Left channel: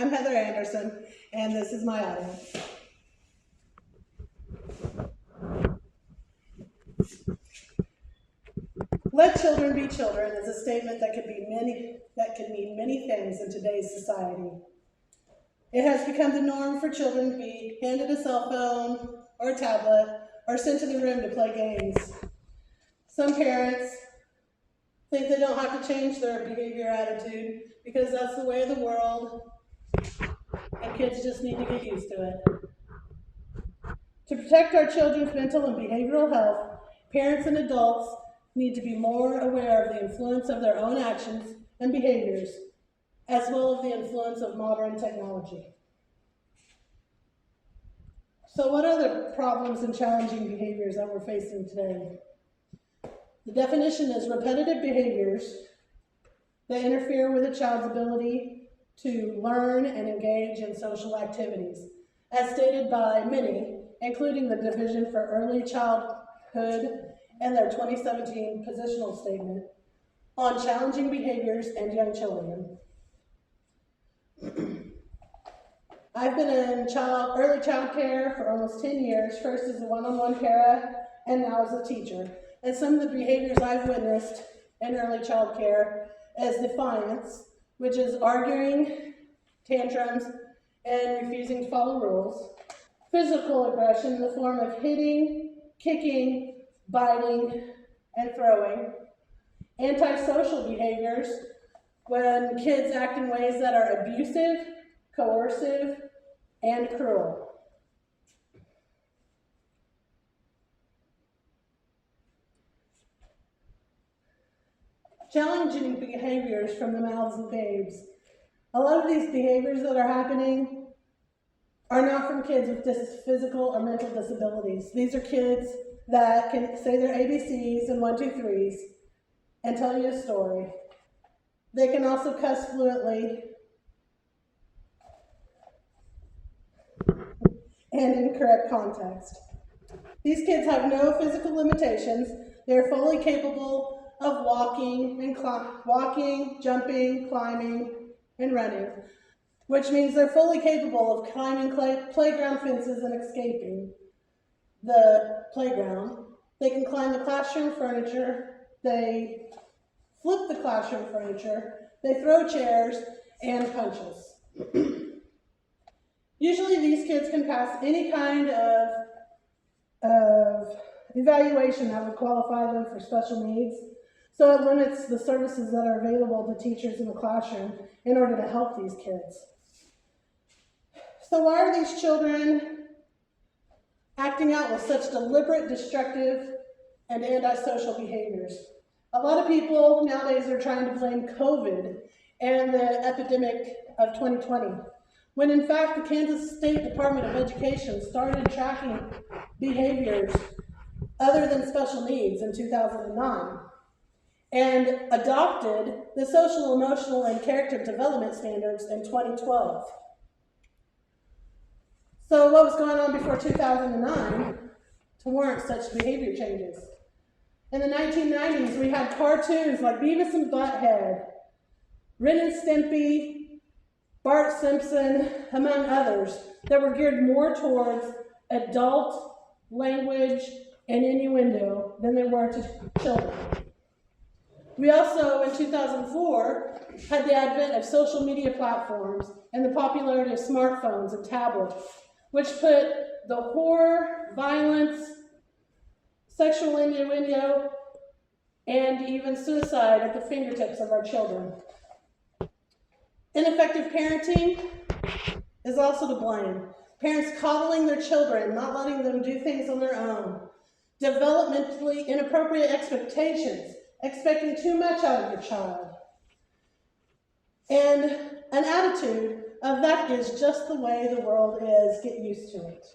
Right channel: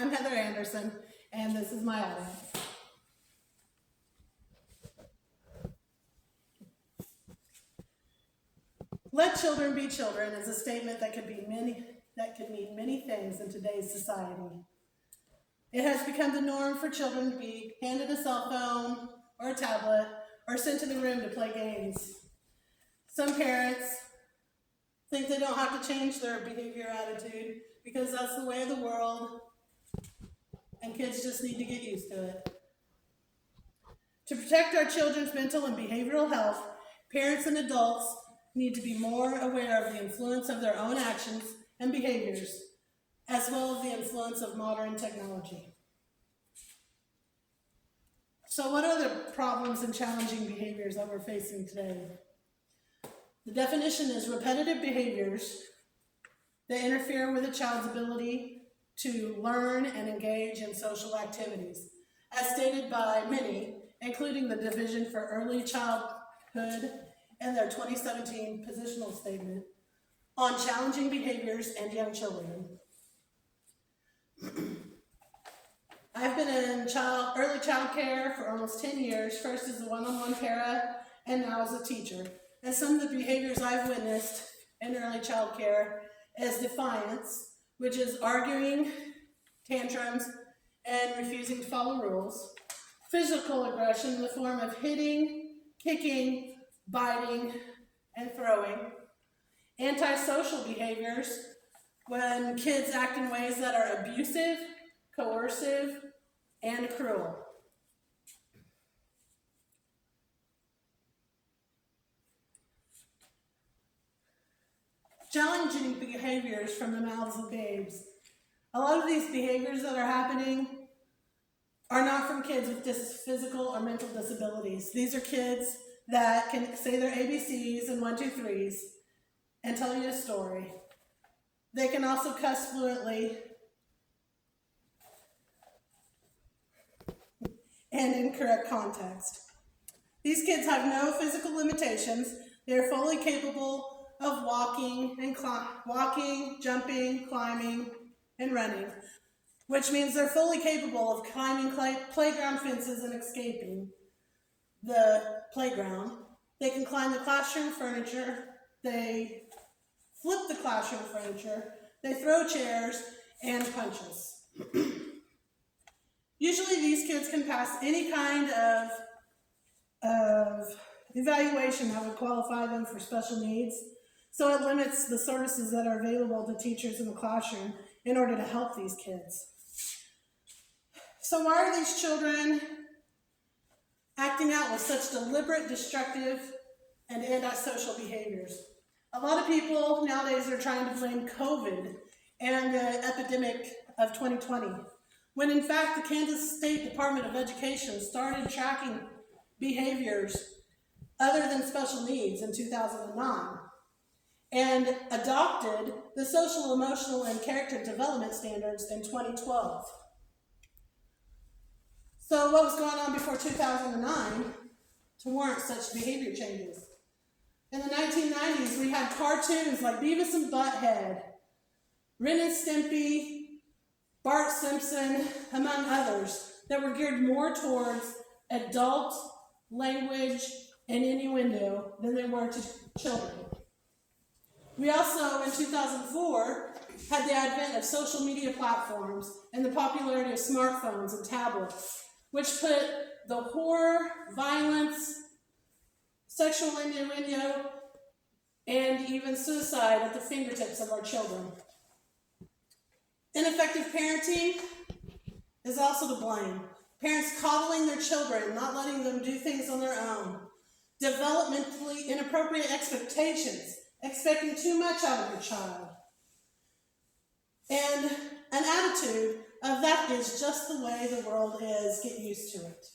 I'm Heather Anderson, and this is my audience. Let children be children is a statement that could mean many things in today's society. It has become the norm for children to be handed a cell phone or a tablet or sent to the room to play games. Some parents think they don't have to change their behavior attitude because that's the way of the world, and kids just need to get used to it. To protect our children's mental and behavioral health, parents and adults need to be more aware of the influence of their own actions and behaviors, as well as the influence of modern technology. So what are the problems and challenging behaviors that we're facing today? The definition is repetitive behaviors that interfere with a child's ability to learn and engage in social activities, as stated by many, including the Division for Early Childhood and their 2017 positional statement on challenging behaviors and young children. I've been in early child care for almost 10 years, first as a one-on-one para and now as a teacher. And some of the behaviors I've witnessed in early child care is defiance, which is arguing, tantrums, and refusing to follow rules. Physical aggression in the form of hitting, kicking, biting, and throwing. Antisocial behaviors, when kids act in ways that are abusive, coercive, and cruel. Challenging behaviors from the mouths of babes. A lot of these behaviors that are happening are not from kids with physical or mental disabilities. These are kids that can say their ABCs and 1, 2, 3s and tell you a story. They can also cuss fluently and in correct context. These kids have no physical limitations. They are fully capable of walking, jumping, climbing, and running, which means they're fully capable of climbing playground fences and escaping the playground. They can climb the classroom furniture, they flip the classroom furniture, they throw chairs, and punch us. Usually these kids can pass any kind of evaluation that would qualify them for special needs, so it limits the services that are available to teachers in the classroom in order to help these kids. So why are these children acting out with such deliberate, destructive, and antisocial behaviors? A lot of people nowadays are trying to blame COVID and the epidemic of 2020, when in fact the Kansas State Department of Education started tracking behaviors other than special needs in 2009 and adopted the social, emotional, and character development standards in 2012. So what was going on before 2009 to warrant such behavior changes? In the 1990s, we had cartoons like Beavis and Butthead, Ren and Stimpy, Bart Simpson, among others, that were geared more towards adult language and innuendo than they were to children. We also, in 2004, had the advent of social media platforms and the popularity of smartphones and tablets, which put the horror, violence, sexual innuendo, and even suicide at the fingertips of our children. Ineffective parenting is also to blame. Parents coddling their children, not letting them do things on their own. Developmentally inappropriate expectations, expecting too much out of your child. And an attitude of that is just the way the world is, get used to it.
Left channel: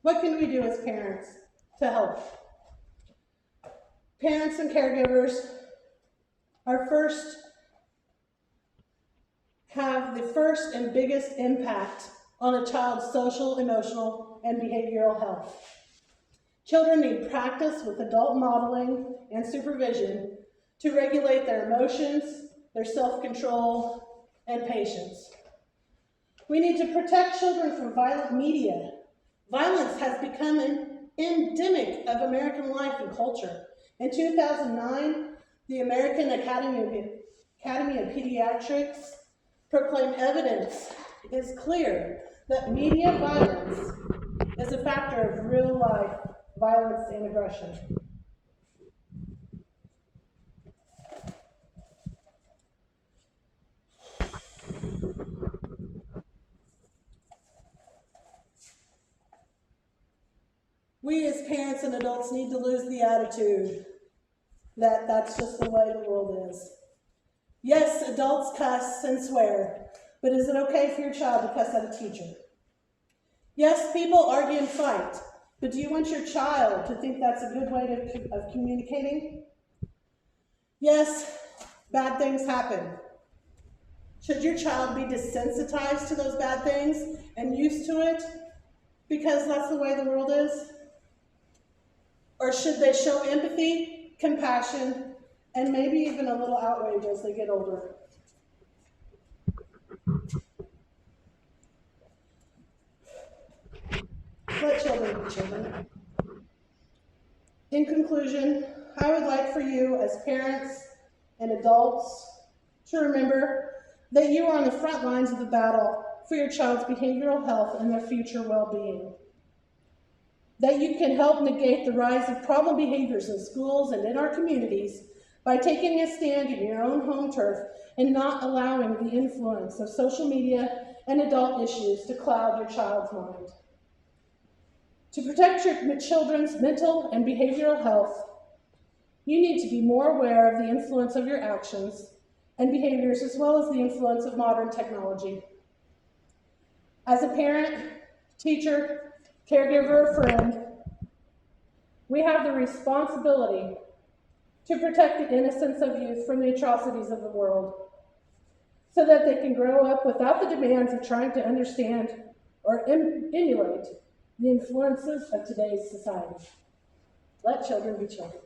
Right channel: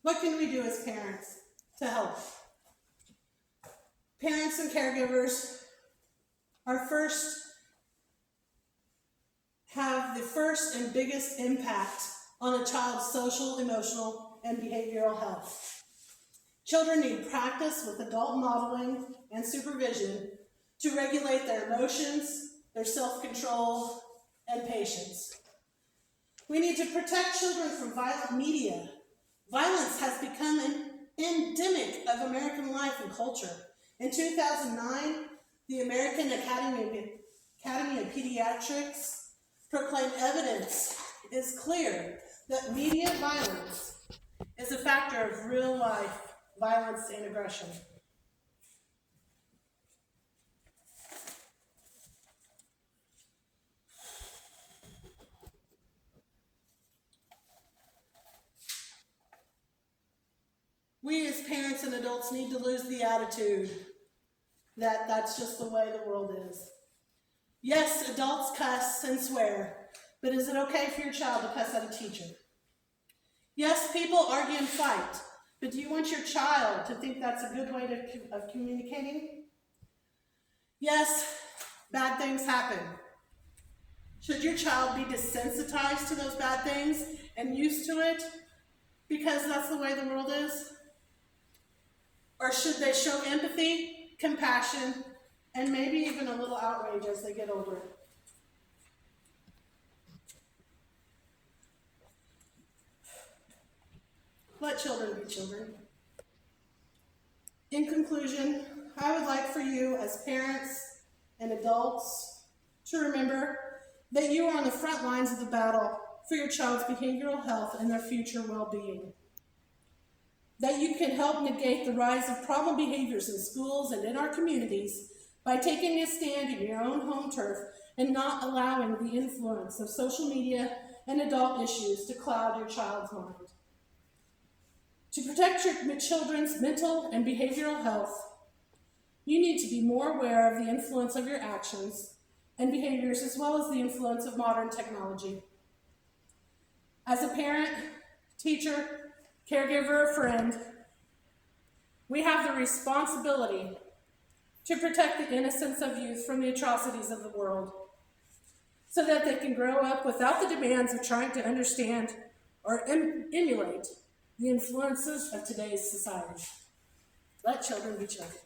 What can we do as parents to help? Parents and caregivers have the first and biggest impact on a child's social, emotional, and behavioral health. Children need practice with adult modeling and supervision to regulate their emotions, their self-control, and patience. We need to protect children from violent media. Violence has become an endemic of American life and culture. In 2009, the American Academy of Pediatrics proclaimed evidence is clear that media violence is a factor of real-life violence and aggression. We as parents and adults need to lose the attitude that that's just the way the world is. Yes, adults cuss and swear, but is it okay for your child to cuss at a teacher? Yes, people argue and fight, but do you want your child to think that's a good way of communicating? Yes, bad things happen. Should your child be desensitized to those bad things and used to it because that's the way the world is? Or should they show empathy, compassion, and maybe even a little outrage as they get older? Let children be children. In conclusion, I would like for you as parents and adults to remember that you are on the front lines of the battle for your child's behavioral health and their future well-being. That you can help negate the rise of problem behaviors in schools and in our communities by taking a stand in your own home turf and not allowing the influence of social media and adult issues to cloud your child's mind. To protect your children's mental and behavioral health, you need to be more aware of the influence of your actions and behaviors as well as the influence of modern technology. As a parent, teacher, caregiver, friend, we have the responsibility to protect the innocence of youth from the atrocities of the world so that they can grow up without the demands of trying to understand or emulate the influences of today's society. Let children be children.